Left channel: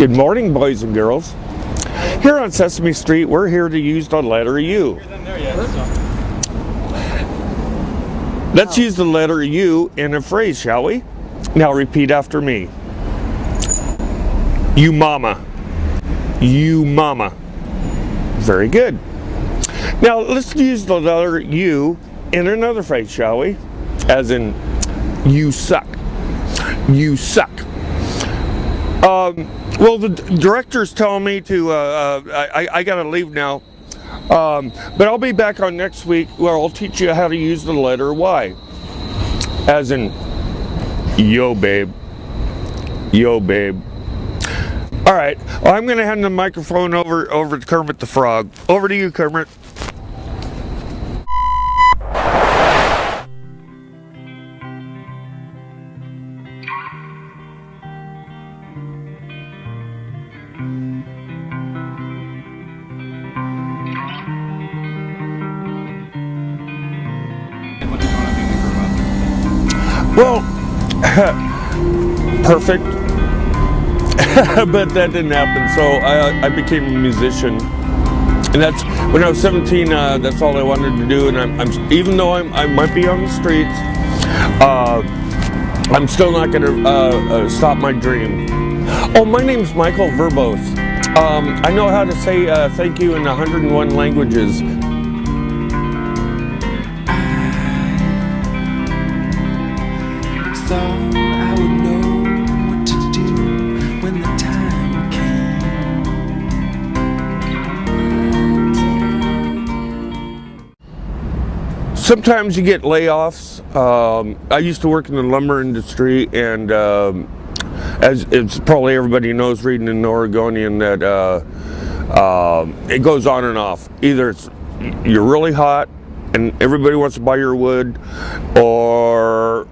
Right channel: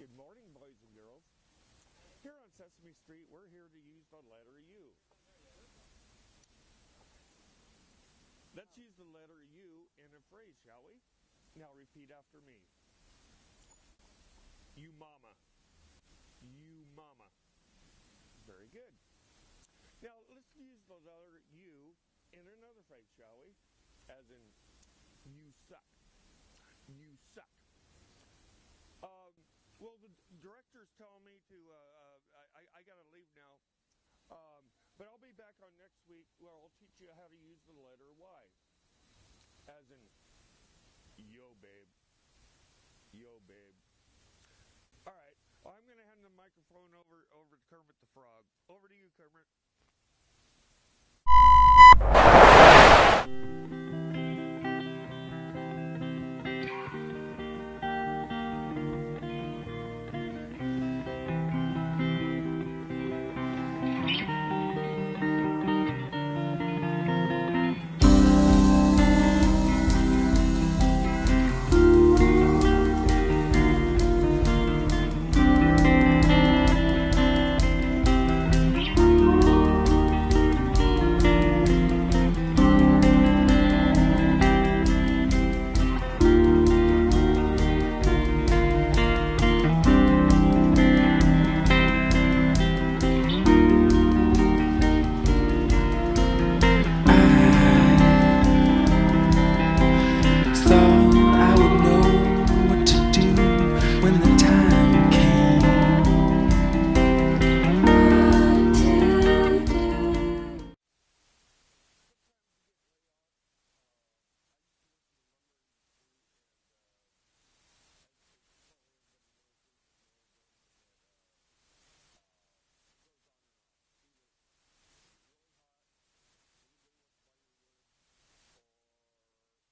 Good morning, boys and girls. Here on Sesame Street, we're here to use the letter U. Let's use the letter U in a phrase, shall we? Now repeat after me. You mama. You mama. Very good. Now let's use the letter U in another phrase, shall we? As in, you suck. You suck. Well, the director's telling me to, I gotta leave now. But I'll be back on next week where I'll teach you how to use the letter Y. As in, yo babe. Yo babe. All right, well, I'm gonna hand the microphone over to Kermit the Frog. Over to you, Kermit. Well, perfect, but that didn't happen, so I became a musician, and that's, when I was 17, that's all I wanted to do, and I'm even though I might be on the streets, I'm still not going to stop my dream. Oh, my name's Michael Verbose. I know how to say thank you in 101 languages. Thought I would know what to do when the time came. Sometimes you get layoffs. I used to work in the lumber industry, and as it's probably everybody knows, reading in the Oregonian, that it goes on and off. Either you're really hot and everybody wants to buy your wood, or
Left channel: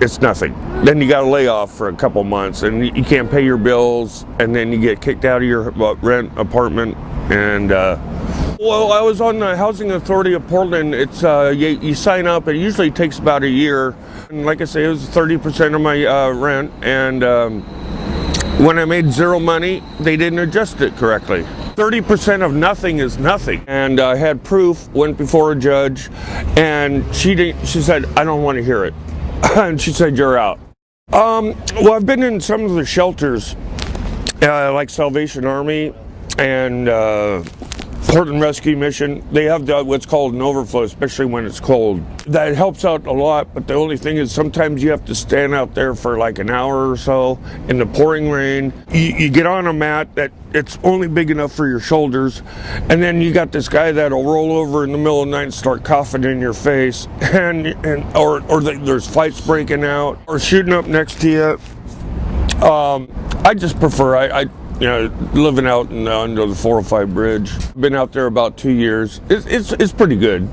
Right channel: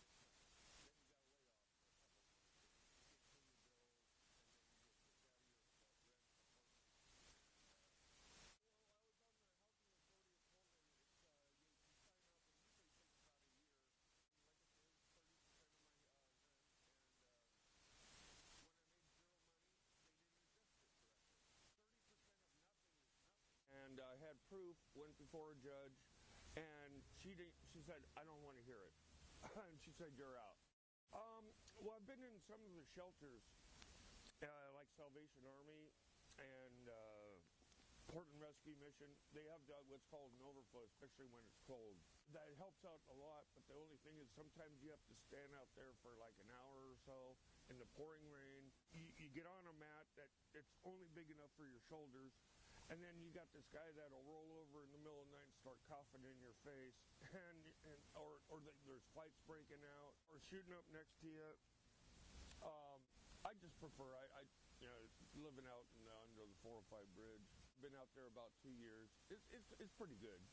it's nothing. Then you got a layoff for a couple months and you can't pay your bills, and then you get kicked out of your rent apartment. And well, I was on the Housing Authority of Portland. It's you sign up. It usually takes about a year. And like I say, it was 30% of my rent. And when I made zero money, they didn't adjust it correctly. 30% of nothing is nothing. And I had proof. Went before a judge, and she said, "I don't want to hear it." And she said, "You're out." Well, I've been in some of the shelters, like Salvation Army and Portland Rescue Mission. They have what's called an overflow, especially when it's cold. That helps out a lot, but the only thing is sometimes you have to stand out there for like an hour or so in the pouring rain. You get on a mat that it's only big enough for your shoulders, and then you got this guy that'll roll over in the middle of the night and start coughing in your face, or there's fights breaking out or shooting up next to you. I just prefer living out under the 405 bridge. Been out there about 2 years. It's pretty good.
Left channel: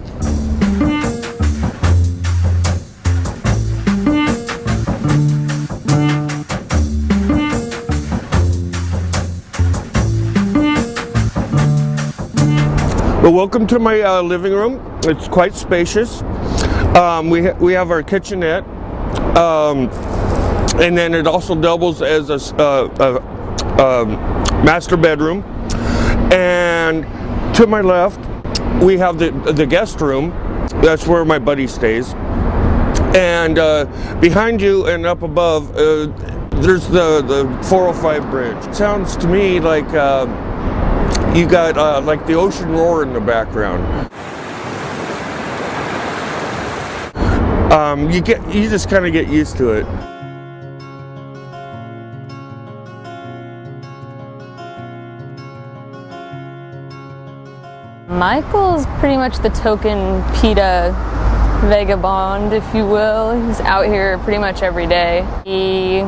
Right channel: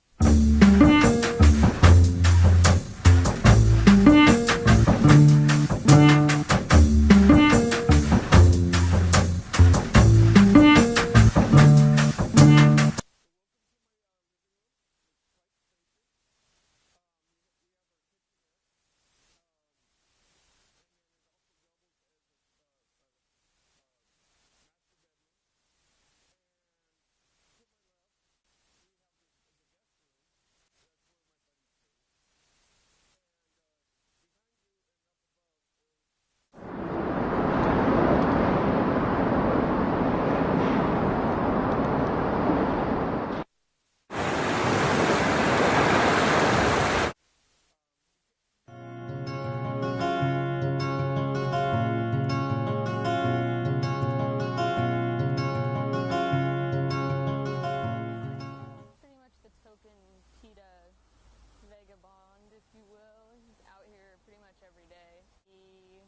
Well, welcome to my living room. It's quite spacious. We have our kitchenette, and then it also doubles as a master bedroom. And to my left, we have the guest room. That's where my buddy stays. And behind you and up above, there's the 405 bridge. It sounds to me like you got like the ocean roar in the background. You just kind of get used to it. Michael's pretty much the token PETA vagabond, if you will. He's out here pretty much every day. He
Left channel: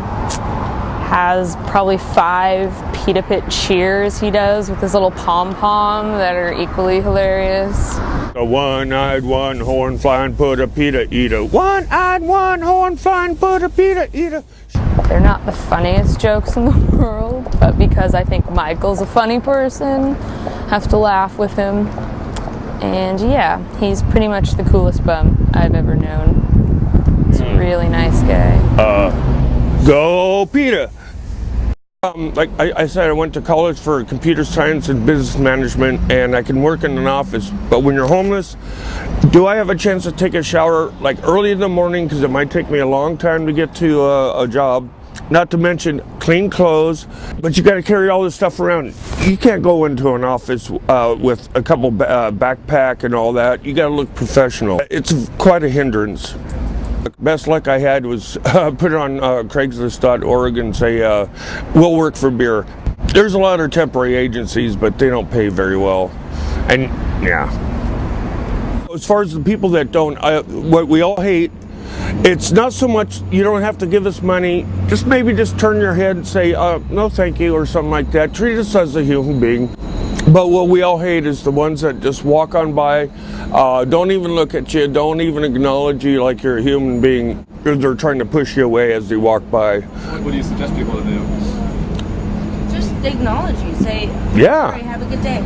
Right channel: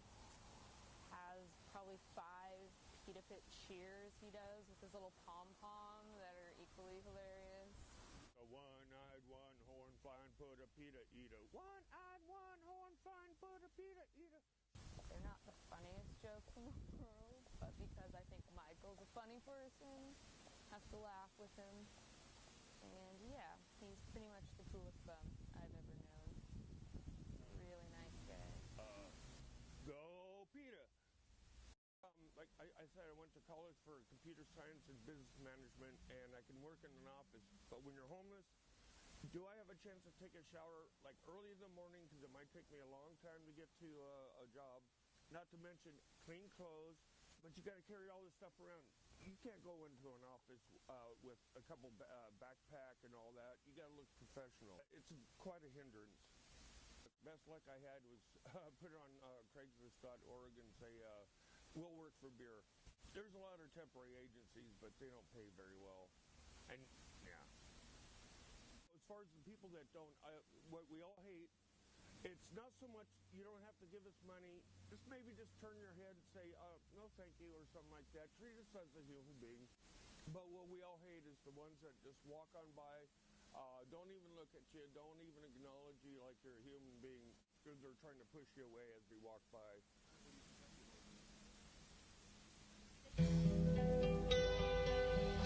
has probably 5 PETA pit cheers he does with his little pom-pom that are equally hilarious. A one-eyed, one-horn flying put a PETA eater. One-eyed, one-horn flying put a PETA eater. They're not the funniest jokes in the world, but because I think Michael's a funny person, have to laugh with him. And yeah, he's pretty much the coolest bum I've ever known. He's a really nice guy. Go PETA! Like I said, I went to college for computer science and business management, and I can work in an office. But when you're homeless, do I have a chance to take a shower like early in the morning, because it might take me a long time to get to a job? Not to mention clean clothes, but you got to carry all this stuff around. You can't go into an office with a couple backpack and all that. You got to look professional. It's quite a hindrance. The best luck I had was put it on Craigslist.org and say, we'll work for beer. There's a lot of temporary agencies, but they don't pay very well. And yeah. As far as the people that don't, what we all hate, it's not so much you don't have to give us money, just maybe just turn your head and say, no thank you, or something like that. Treat us as a human being. But what we all hate is the ones that just walk on by, don't even look at you, don't even acknowledge you like you're a human being. They're trying to push you away as they walk by. What do you suggest people to do? Just acknowledge you. Say, Yeah. "Sorry, have a good day."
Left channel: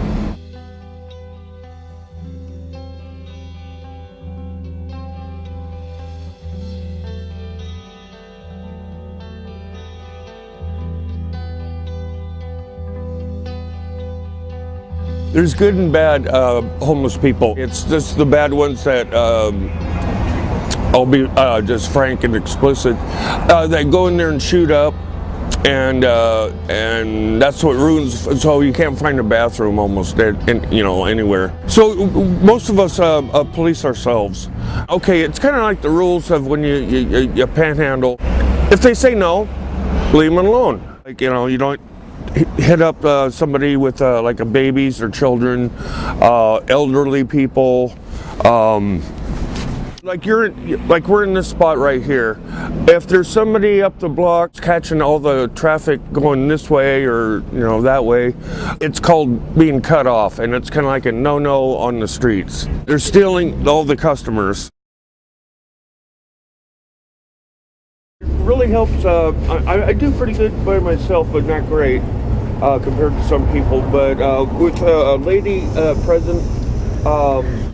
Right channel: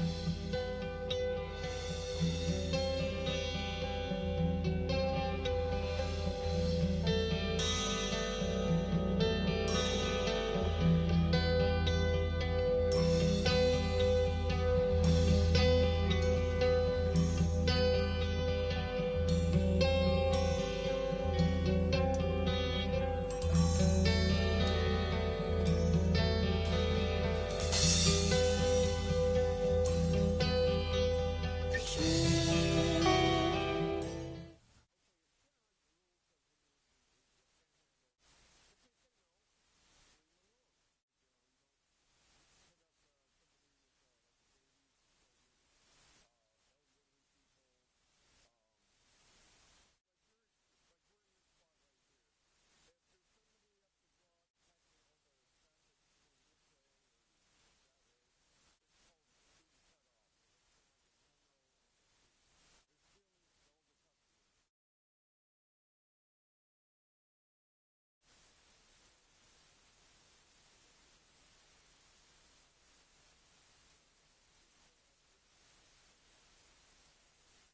There's good and bad homeless people. It's just the bad ones that, I'll be just frank and explicit, that go in there and shoot up, and that's what ruins. So you can't find a bathroom almost anywhere. So most of us police ourselves. Okay, it's kind of like the rules of when you panhandle. If they say no, leave them alone. Like you don't hit up somebody with like a babies or children, elderly people. Like we're in this spot right here. If there's somebody up the block catching all the traffic going this way or that way, it's called being cut off, and it's kind of like a no-no on the streets. They're stealing all the customers. It really helps. I do pretty good by myself, but not great compared to some people. But with a lady present,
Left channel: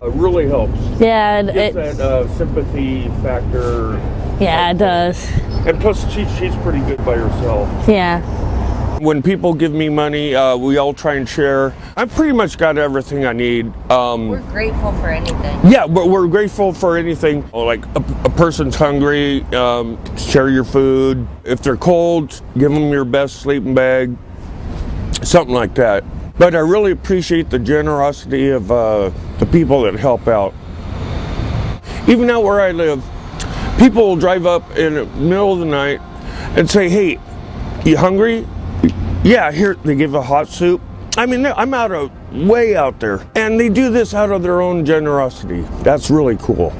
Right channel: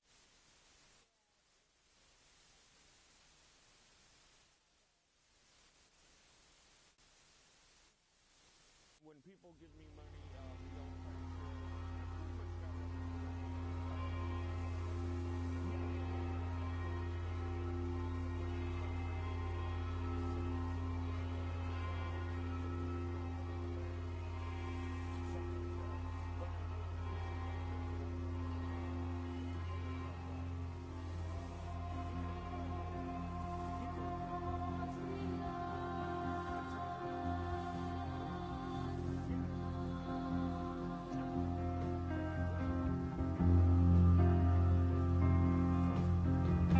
really helps. Yeah, Gives that sympathy factor. yeah, it does. And plus, she's pretty good by herself. Yeah. When people give me money, we all try and share. I've pretty much got everything I need. We're grateful for anything. Yeah, but we're grateful for anything. Like a person's hungry, share your food. If they're cold, give them your best sleeping bag. Something like that. But I really appreciate the generosity of the people that help out. Even out where I live, people will drive up in the middle of the night and say, "Hey, you hungry?" Yeah, here, they give a hot soup. I mean, I'm way out there. And they do this out of their own generosity. That's really cool.